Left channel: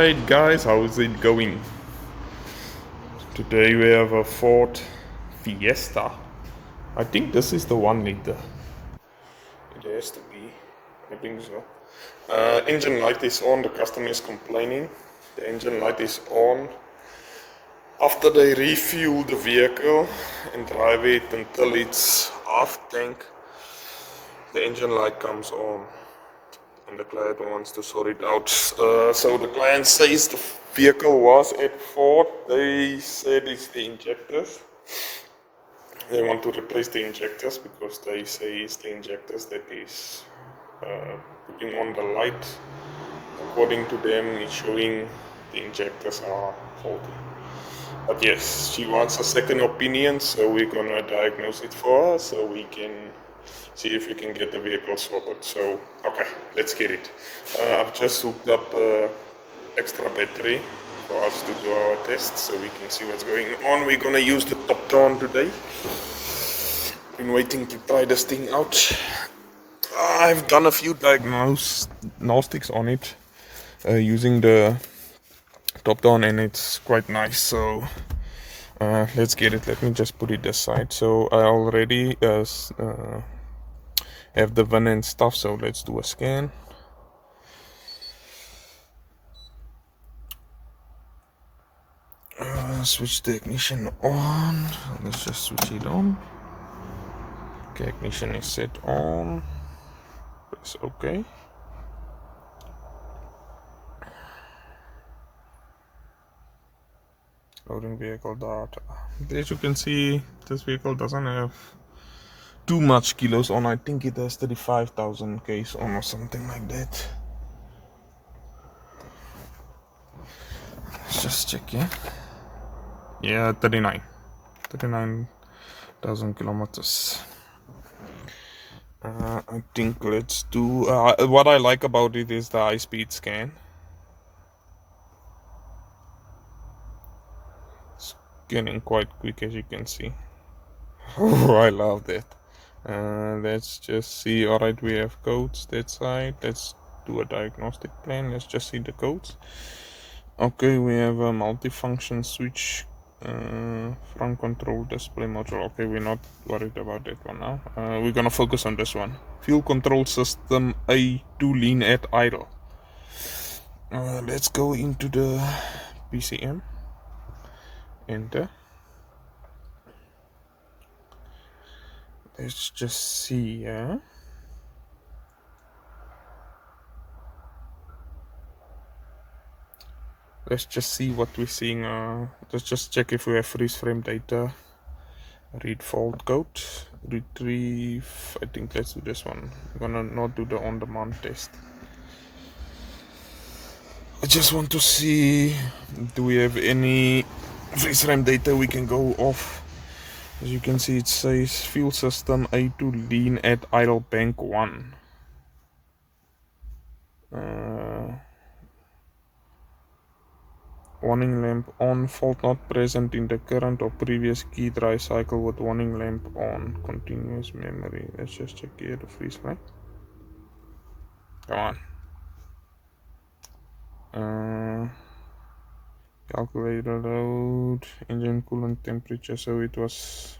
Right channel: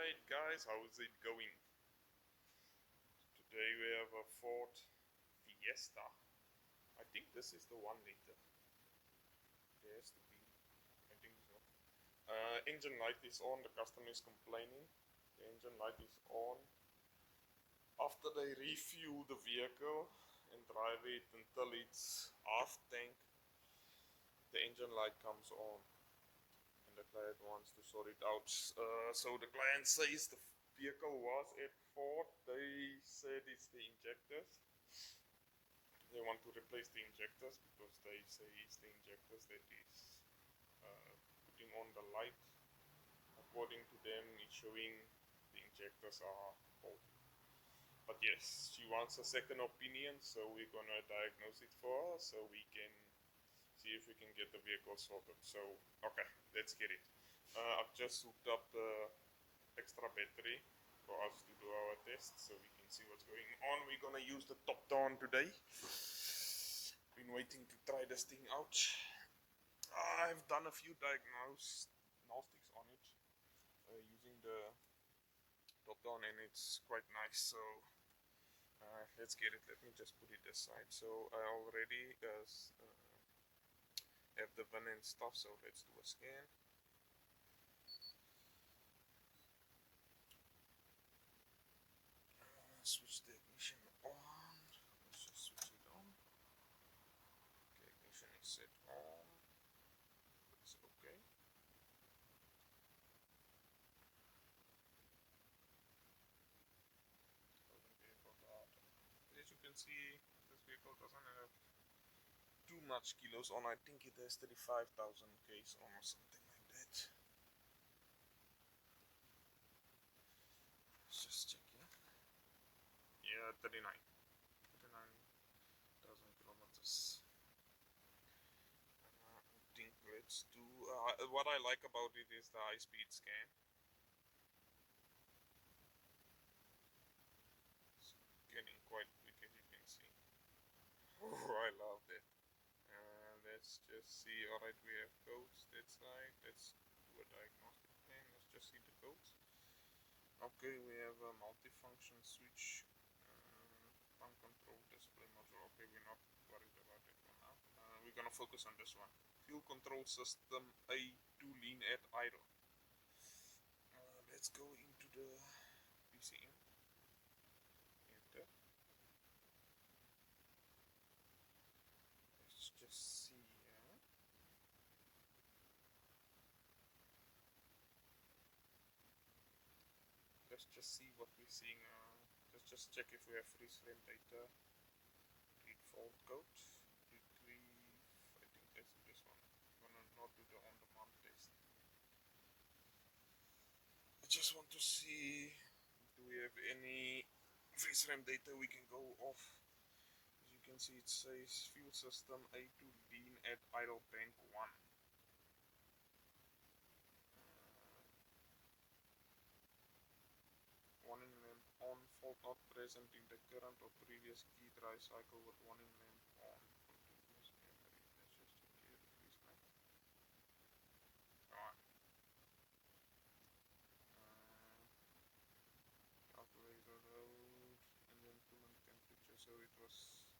Alright guys, how's it going? Today we have a Ford Fiesta. I think this is the 1 liter. It has to be. I think so. Engine light is on, the customer is complaining. The engine light is on. After they refuel the vehicle and drive it until it's half tank, the engine light comes on. And the client wants to sort it out. So the client says the vehicle was at fault. They said it's the injectors. They want to replace the injectors because they say it's the injectors that is putting on the light. According to them, it's showing the injectors are faulty. But yes, she wants a second opinion, so we're gonna diagnose it for her so we can see if we can get the vehicle sorted. So, okay, let's get it. I've just hooked up extra battery for us to do our test so we can see what's going on. We're gonna use the top down today. Been waiting to try this thing out. I've done a few diagnostics on it using the top down, and it's quite nice. So let's get it. Let me just put it aside. So I already have the VIN and stuff, so let's do a scan. Switch the ignition on. Let's just switch it on. Okay, ignition is set on. Press OK. Loading vehicle data. As you can see, this vehicle doesn't have too much kilos on. I think it has 35,000 Ks on or something like that. Let's just check, yeah, 39,000 kilometers. I think let's do what I like about it is the high speed scan. Scanning quite quick, as you can see. Oh, I love that. Let's just see. Alright, we have codes that side. Let's do a diagnostic plan. Let's just see the codes. Okay, we have a multifunction switch, front control display module. Okay, we're not worried about that one now. We're gonna focus on this one. Fuel control system A to lean at idle. Let's go into the PCM. Enter. Let's just see, let's just see what we're seeing. Let's just check if we have freeze frame data. Read fault code. Retrieve. I think let's do this one. I'm gonna not do the on-demand test. I just want to see, do we have any freeze frame data we can go off. As you can see, it says fuel system A to lean at idle bank 1. Warning lamp on, fault not present in the current or previous key dry cycle with warning lamp on, continuous memory. Let's just check here the freeze frame. Come on. Calculator load, engine coolant temperature, so it was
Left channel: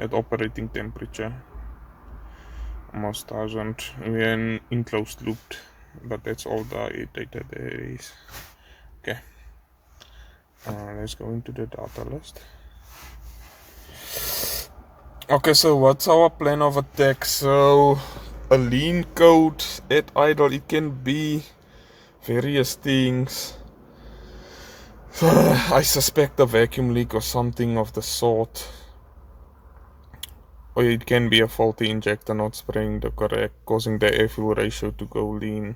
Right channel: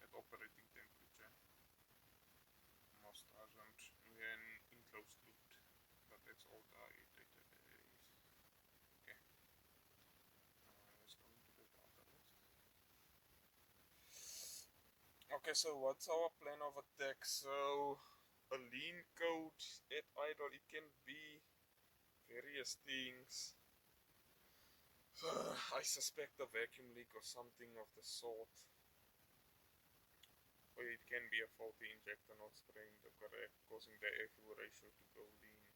at operating temperature, almost 1000. We're in enclosed loop, but that's all the data there is. Okay, let's go into the data list. Okay, so what's our plan of attack? So a lean code at idle, it can be various things. I suspect a vacuum leak or something of the sort. Or it can be a faulty injector not spraying the correct, causing the air-fuel ratio to go lean.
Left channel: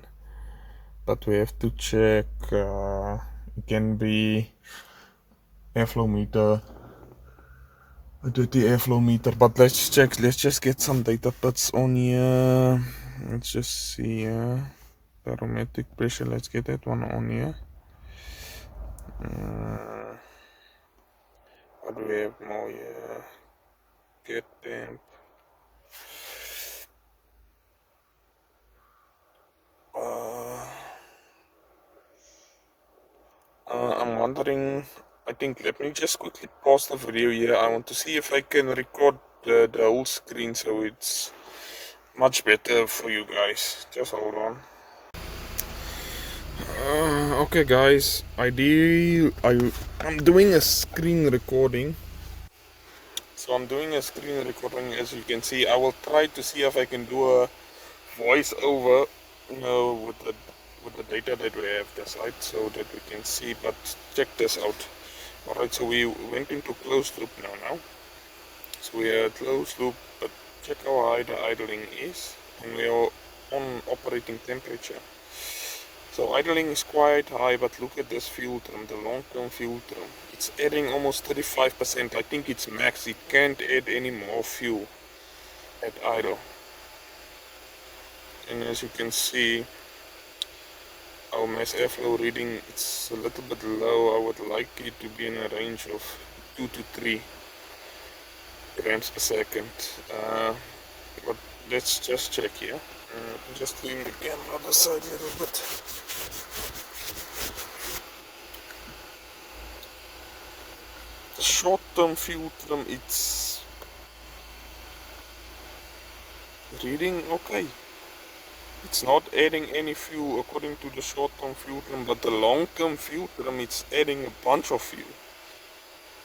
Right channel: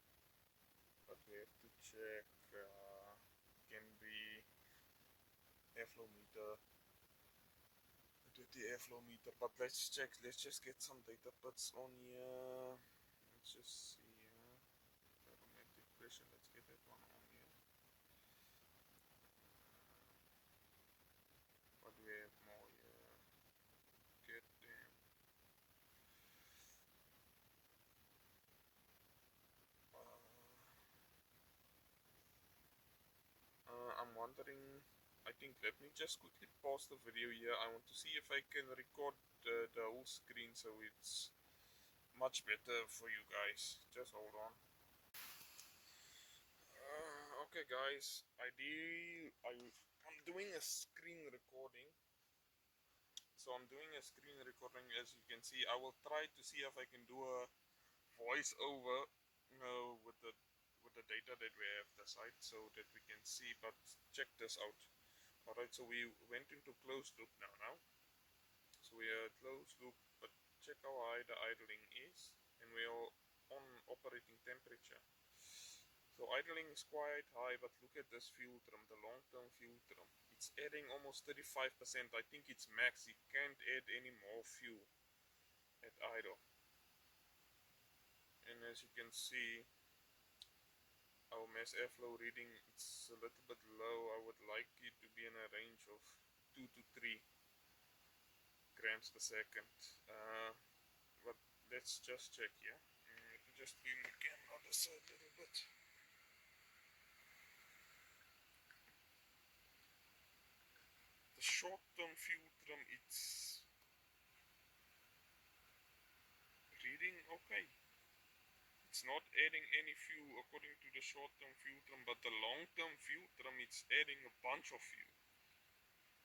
But we have to check. It can be airflow meter, a dirty airflow meter. But let's check. Let's just get some data bits on here. Let's just see. Barometric pressure. Let's get that one on here. What do we have more here? Get temp. I'm wondering, I think, let me just quickly pause the video here. I want to see if I can record the whole screen so it's much better for you guys. Just hold on. Okay guys, I'm doing a screen recording. So I'm doing a screen recording, as you can see. I will try to see if I can do a voice over, with the data that we have this side, so that we can see. But check this out. Alright, so we went into closed loop now. So we are closed loop, but check how high the idling is, and we are on operating temperature. So idling is quite high, but look at this fuel trim, the long-term fuel trim. It's adding almost 35%. I think it's max. It can't add any more fuel at idle. And as you can see, our mass airflow reading, it's a little bit low. I would like it to be in a range of 2 to 3 grams per second. But let's just check here. Just clean the camera other side a little bit. The short-term fuel trim, it's reading okay. It's not adding any fuel according to the short-term fuel trim, but the long-term fuel trim, it's adding a bunch of fuel.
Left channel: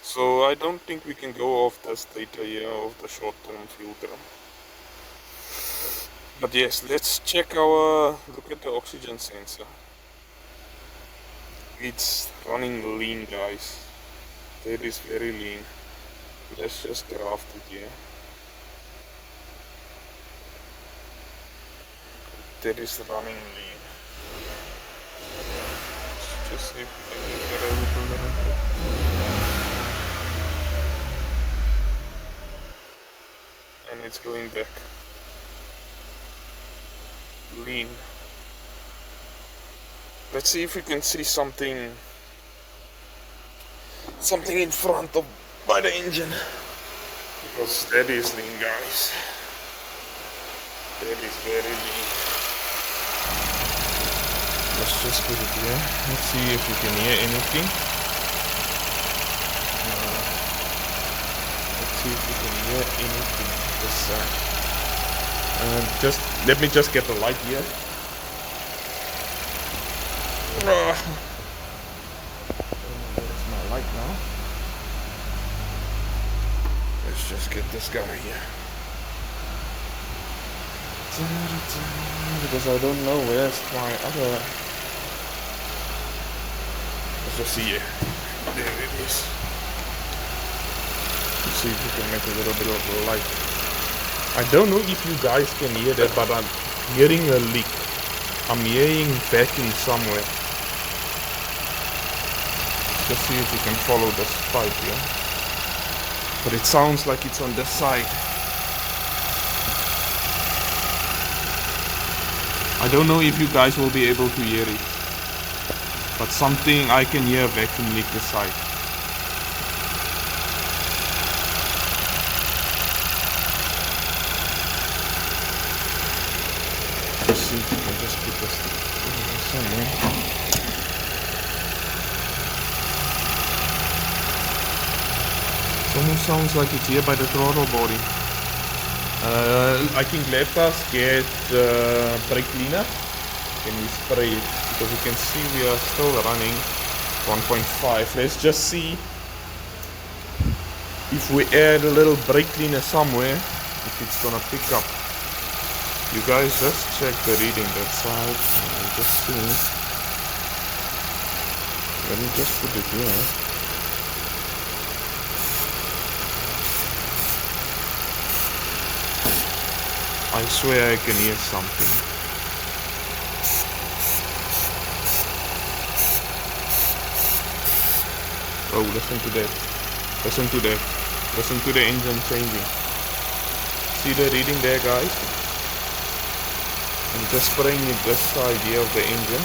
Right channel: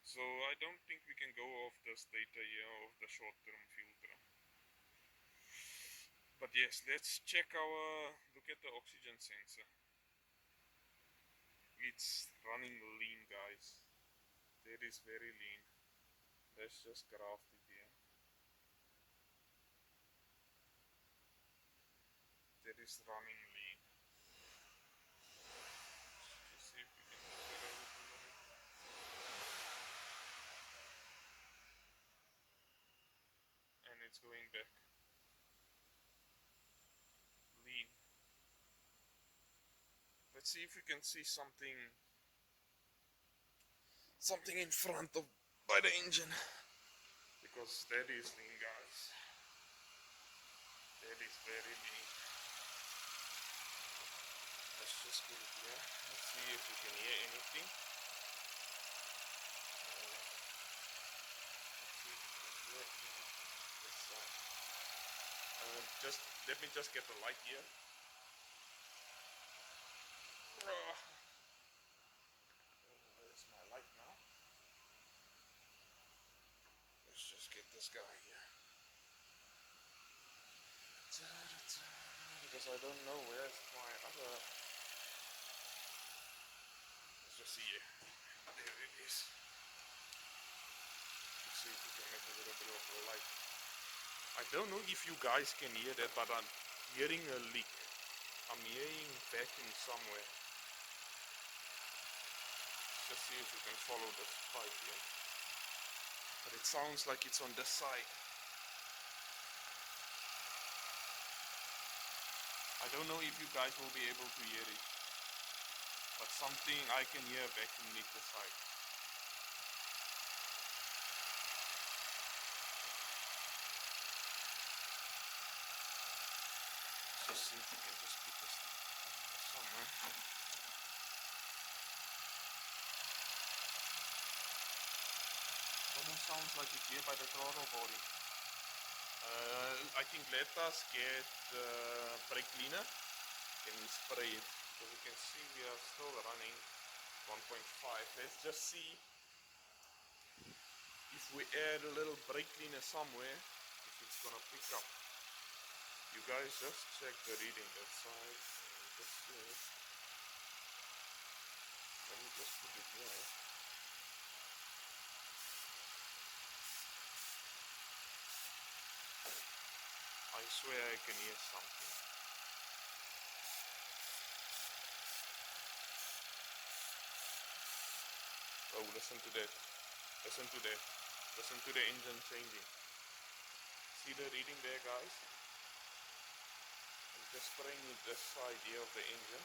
So I don't think we can go off this data here of the short-term fuel trim. But yes, let's check look at the oxygen sensor. It's running lean, guys. That is very lean. Let's just graph it here. That is running lean. Let's just see if we can get a little bit. And it's going back. Lean. Let's see if we can see something in front of by the engine, because that is lean, guys. That is very lean. Let's just put it here. Let's see if we can hear anything. Let's see if we can hear anything this side. Let me just get the light here. There's my light now. Let's just get this guy here. Because I don't know where's my other. Let's just see it. There it is. Let's see if we can make a little bit of light. I don't know if you guys can hear that, but I'm hearing a leak. I'm hearing vacuum somewhere. Just see if you can follow this pipe here. But it sounds like it's on this side. I don't know if you guys will be able to hear it. But something I can hear vacuum leak this side. Let's see if we can just put this somewhere. It almost sounds like it's here by the throttle body. I think let us get brake cleaner. Can we spray it? Because you can see we are still running 1.5. Let's just see if we add a little brake cleaner somewhere, if it's gonna pick up. You guys just check the reading that side. Just see. Let me just put it here. I swear I can hear something. Oh, listen to that. Listen to that. Listen to the engine changing. See the reading there, guys? I'm just spraying it this side here of the engine.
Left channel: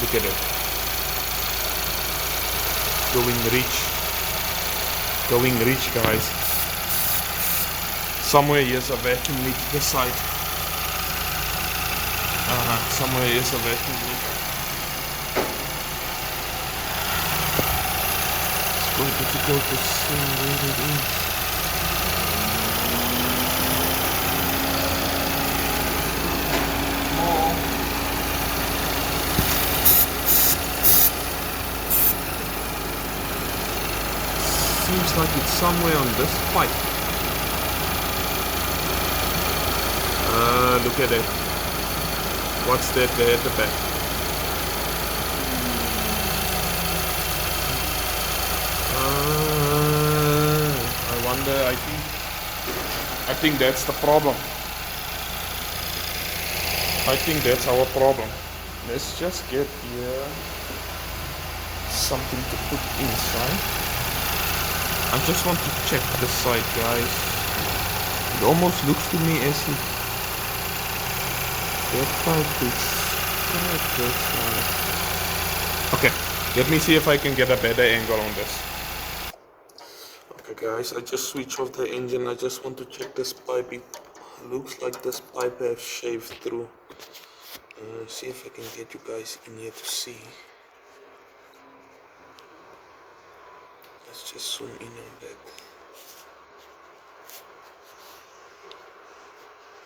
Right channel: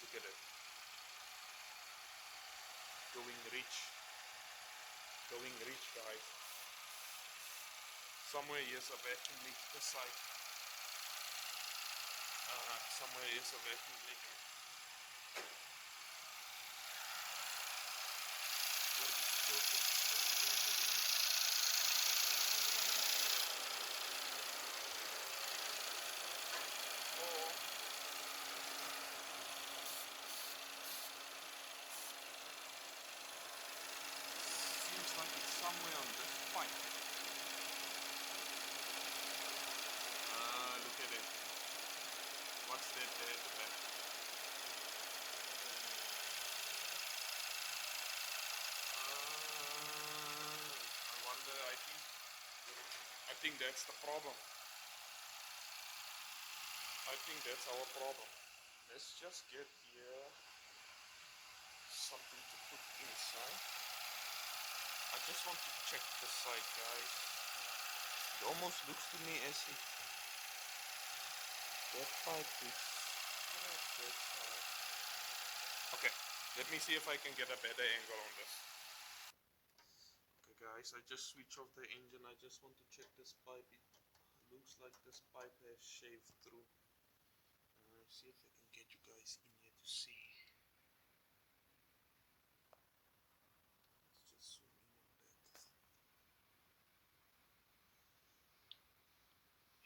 Look at it. Going rich, guys. Somewhere here's a vacuum leak this side. Somewhere is a vacuum leak. It's quite difficult to see where it is. Seems like it's somewhere on this pipe. Look at it. What's that there at the back? I wonder, I think that's the problem. I think that's our problem. Let's just get here something to put inside. I just want to check the side, guys. It almost looks to me as if that pipe is right this side. Okay, let me see if I can get a better angle on this. Okay guys, I just switched off the engine. I just want to check this pipe. It looks like this pipe has shaved through. See if I can get you guys in here to see. Let's just zoom in on that.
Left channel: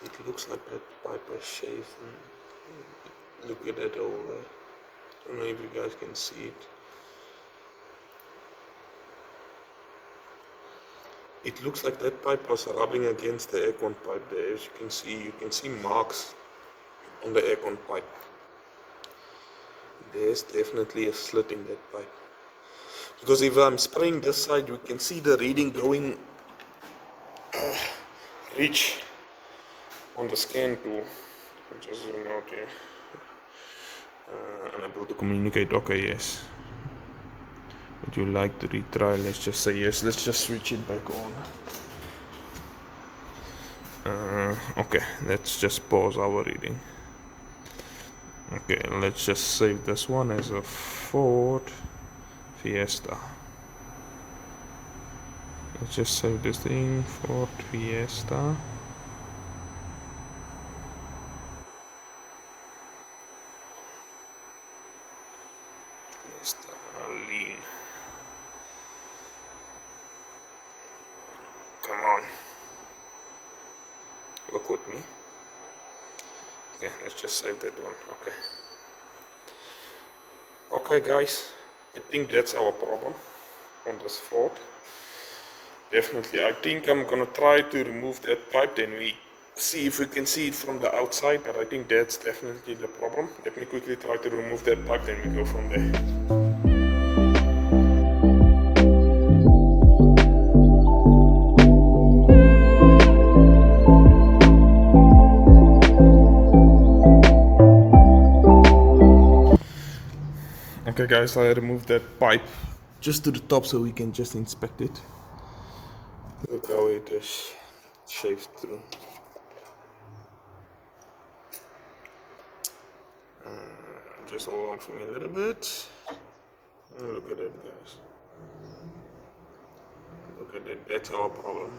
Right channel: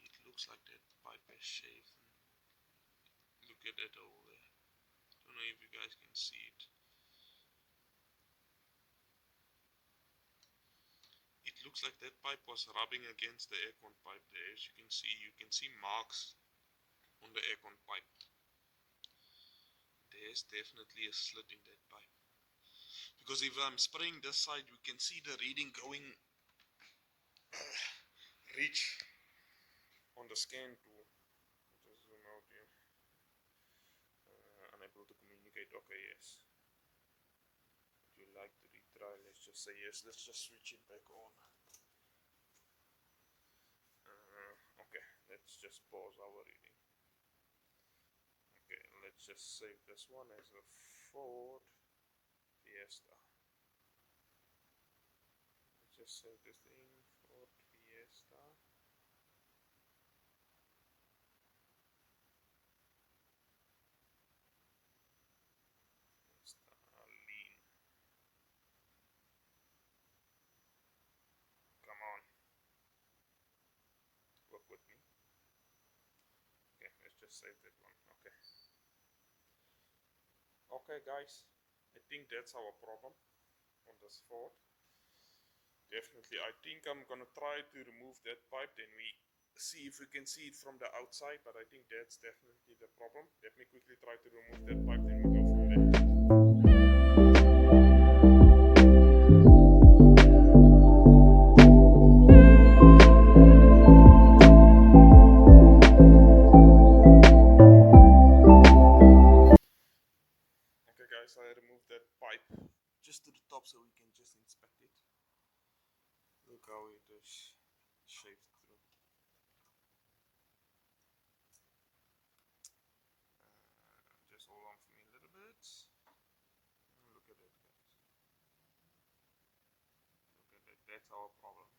It looks like that pipe has shaved. Look at that over there. I don't know if you guys can see it. It looks like that pipe was rubbing against the aircon pipe there. As you can see marks on the aircon pipe. There's definitely a slit in that pipe. Because if I'm spraying this side, we can see the reading going reach on the scan tool. Just zoom out here. Unable to communicate. Okay, yes. Would you like to retry? Let's just say yes. Let's just switch it back on. Okay, let's just pause our reading. Okay, let's just save this one as a Ford Fiesta. Let's just save this thing, Ford Fiesta. Lean. Come on. Work with me. Okay, let's just save that one. Okay guys, I think that's our problem on this Ford. Definitely, I think I'm gonna try to remove that pipe, then we see if we can see it from the outside, but I think that's definitely the problem. Let me quickly try to remove that pipe, then we go from there. Okay guys, I removed that pipe just to the top so we can just inspect it. Look how it is shaved through. Just hold on for me a little bit. Look at that, guys. Look at that, that's our problem.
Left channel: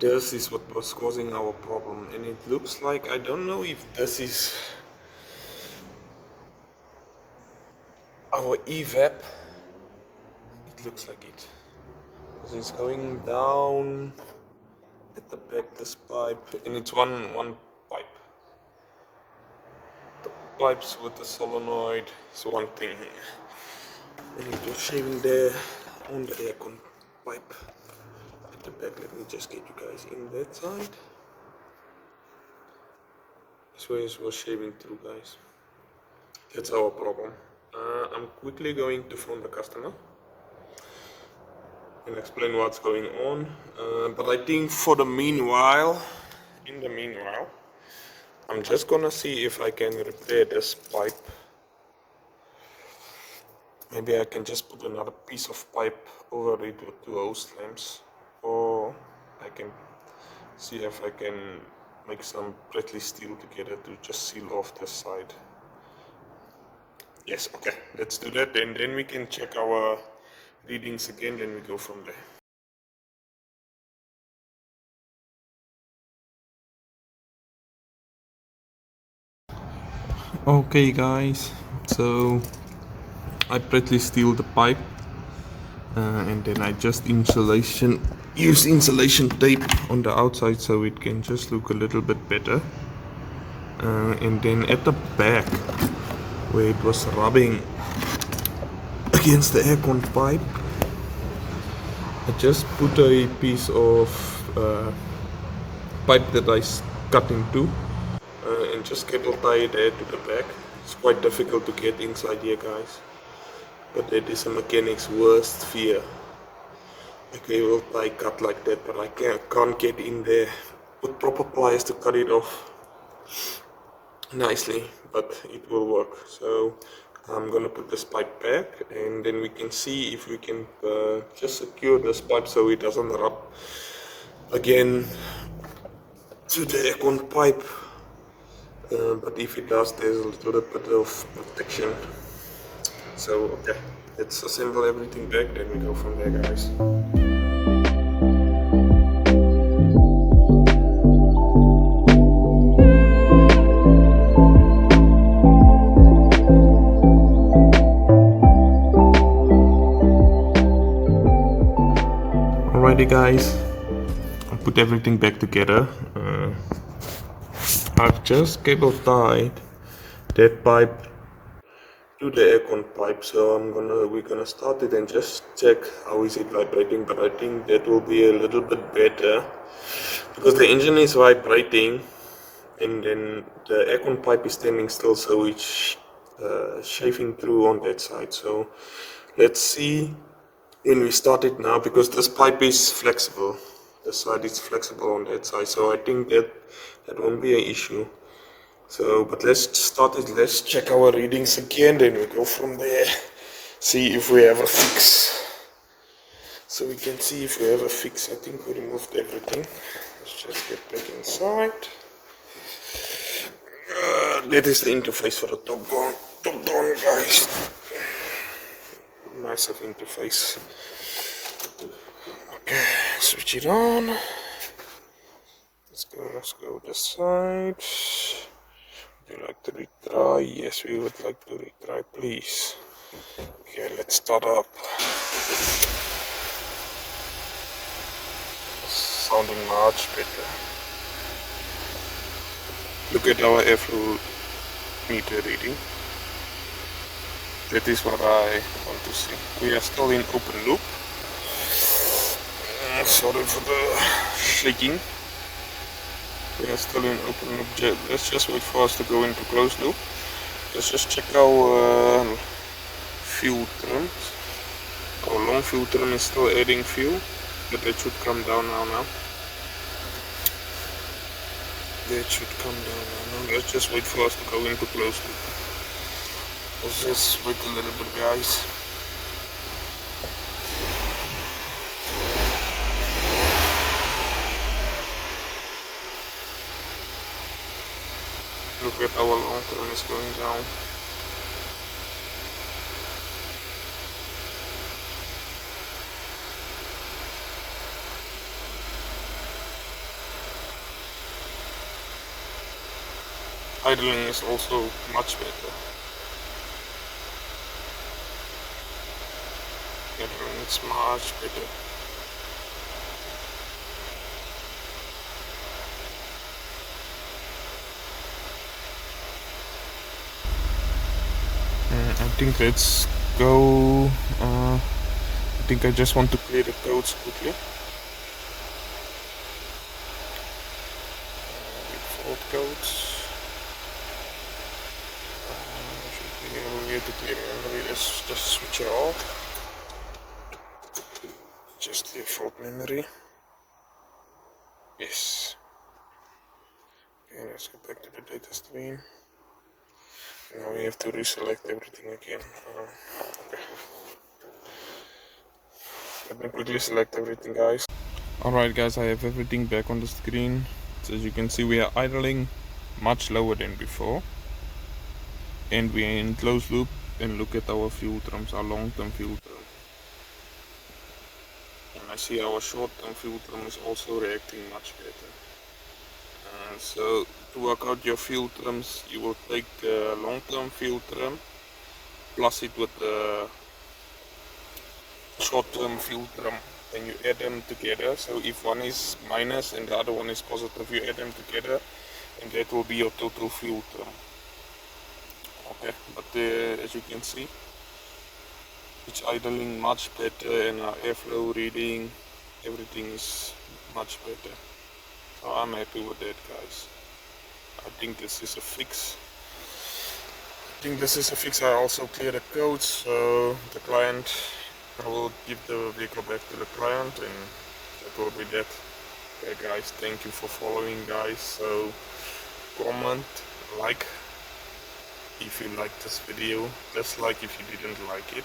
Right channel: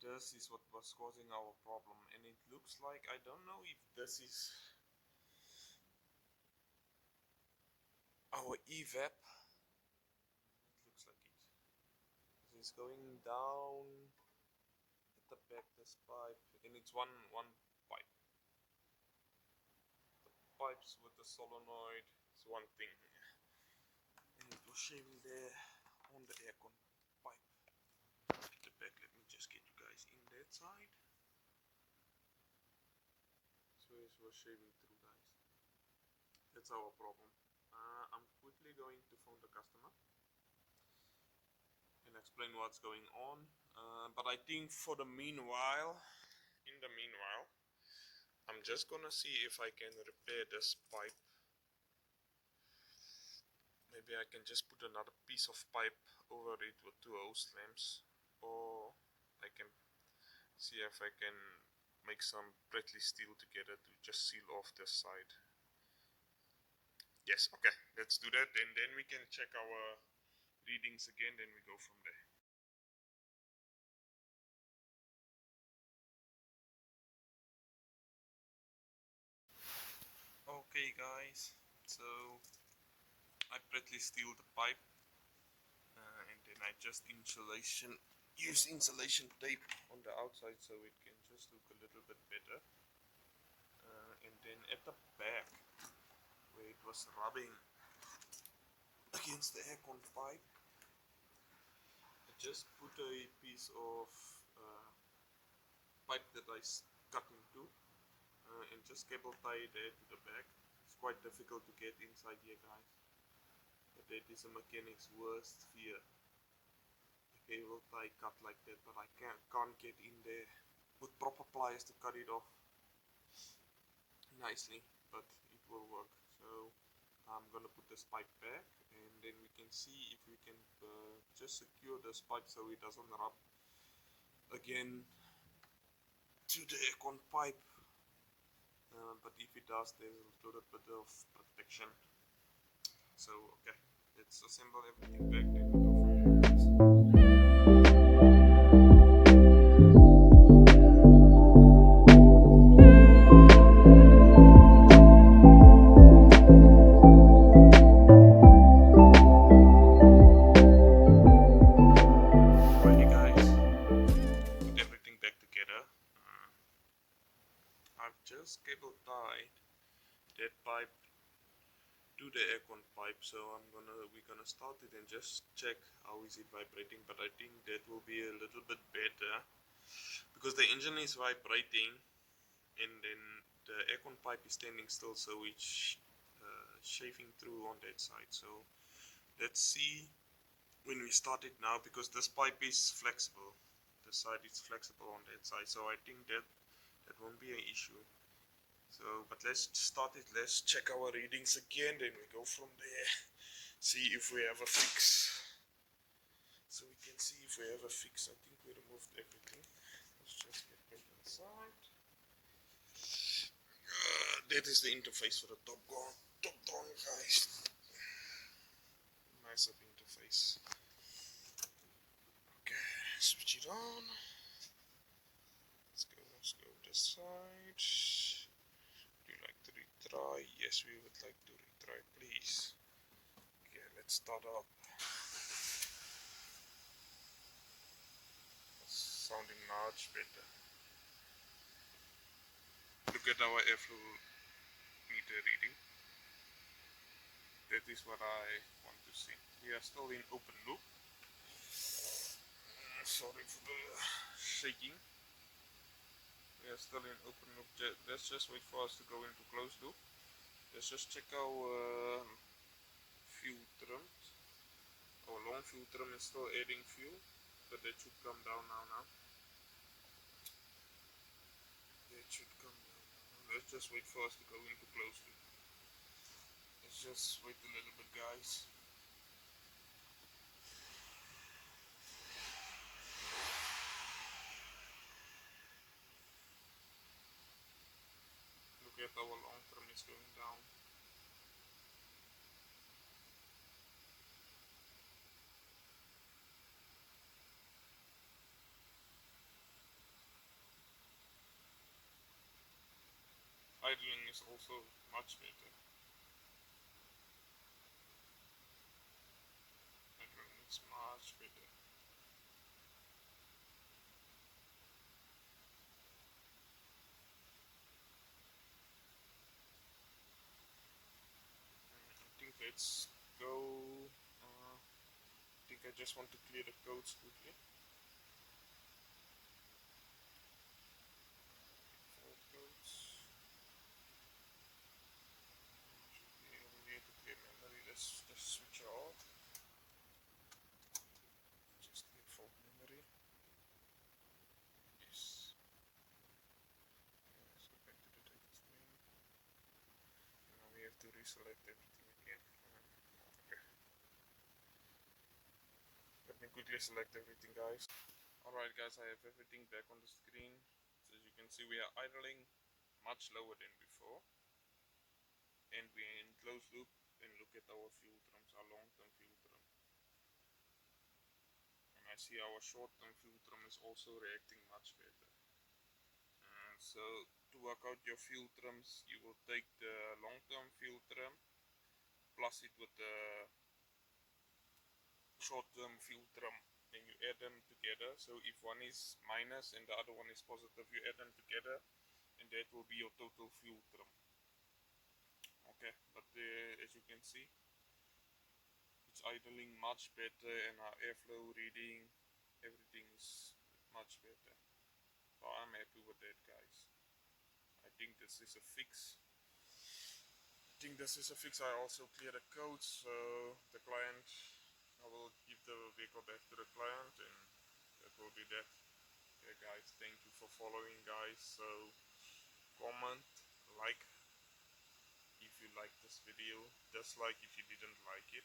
This is what was causing our problem, and it looks like, I don't know if this is our evap. It looks like it. It's going down at the back, this pipe, and it's one pipe. The pipes with the solenoid is one thing here. And it was shaving there on the aircon pipe at the back. Let me just get you guys in that side. This way it was shaving through, guys. That's our problem. I'm quickly going to phone the customer and explain what's going on. But I think for the meanwhile, I'm just gonna see if I can repair this pipe. Maybe I can just put another piece of pipe over it with two hose clamps, or I can see if I can make some Bradley steel together to just seal off this side. Yes, okay, let's do that, and then we can check our readings again, then we go from there. Okay guys, so I pretty steal the pipe and then I just use insulation tape on the outside so it can just look a little bit better. And then at the back where it was rubbing against the aircon pipe, I just put a piece of pipe that I cut in two and just cable tie it there to the back. It's quite difficult to get inside here guys, but that is a mechanic's worst fear. A cable tie cut like that, but I can't get in there. Put proper pliers to cut it off nicely, but it will work. So I'm gonna put this pipe back and then we can see if we can just secure this pipe so it doesn't rub again to the aircon pipe. But if it does, there's a little bit of protection. So okay, let's assemble everything back, then we go from there guys. Alrighty guys, I put everything back together. I've just cable tied that pipe to the aircon pipe, so we're gonna start it and just check how is it vibrating. But I think that will be a little bit better because the engine is vibrating and then the aircon pipe is standing still, so it's shaving through on that side. So let's see when we start it now, because this pipe is flexible. The side is flexible on that side, so I think that won't be an issue. So, but let's start it. Let's check our readings again, then we go from there. See if we have a fix. So we can see if we have a fix. I think we removed everything. Let's just get back inside. That is the interface for the top down guys. Massive interface. Okay, switch it on. Let's go this side. Would you like to retry? Yes, we would like to retry, please. Okay, let's start up. Sounding much better. Look at our airflow meter reading. That is what I want to see. We are still in open loop. Sorry for the shaking. We are still in open loop. Let's just wait for us to go into closed loop. Let's just check our fuel terms. Our long fuel term is still adding fuel, but that should come down now. That should come down now. Let's just wait for us to go into closed loop. Let's just wait a little bit, guys. Look at our long term is going down. Idling is also much better. Idling is much better. I think let's go. I think I just want to clear the codes quickly. Default codes. We have to clear memory. Let's just switch it off. Just default memory. Yes. Okay, let's go back to the data stream. Now we have to reselect everything again. Okay. Let me quickly select everything, guys. Alright guys, I have everything back on the screen. So as you can see, we are idling much lower than before. And we are in closed loop, and look at our fuel terms, our long-term fuel term. And I see our short-term fuel term is also reacting much better. So to work out your fuel trims, you will take the long-term fuel trim, plus it with the short-term fuel trim, and you add them together. So if one is minus and the other one is positive, you add them together, and that will be your total fuel trim. Okay, but as you can see, it's idling much better, and our airflow reading, everything is much better. So I'm happy with that, guys. I think this is a fix. I also cleared the codes, so the client, I will give the vehicle back to the client, and that will be that. Okay guys, thank you for following, guys. So comment, like if you liked this video, dislike if you didn't like it,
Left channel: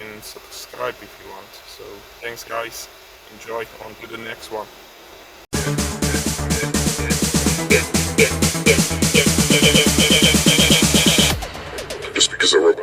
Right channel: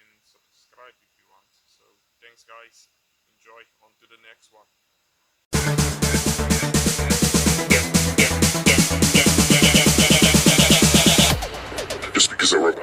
and subscribe if you want. So thanks guys, enjoy, on to the next one. Just because I wrote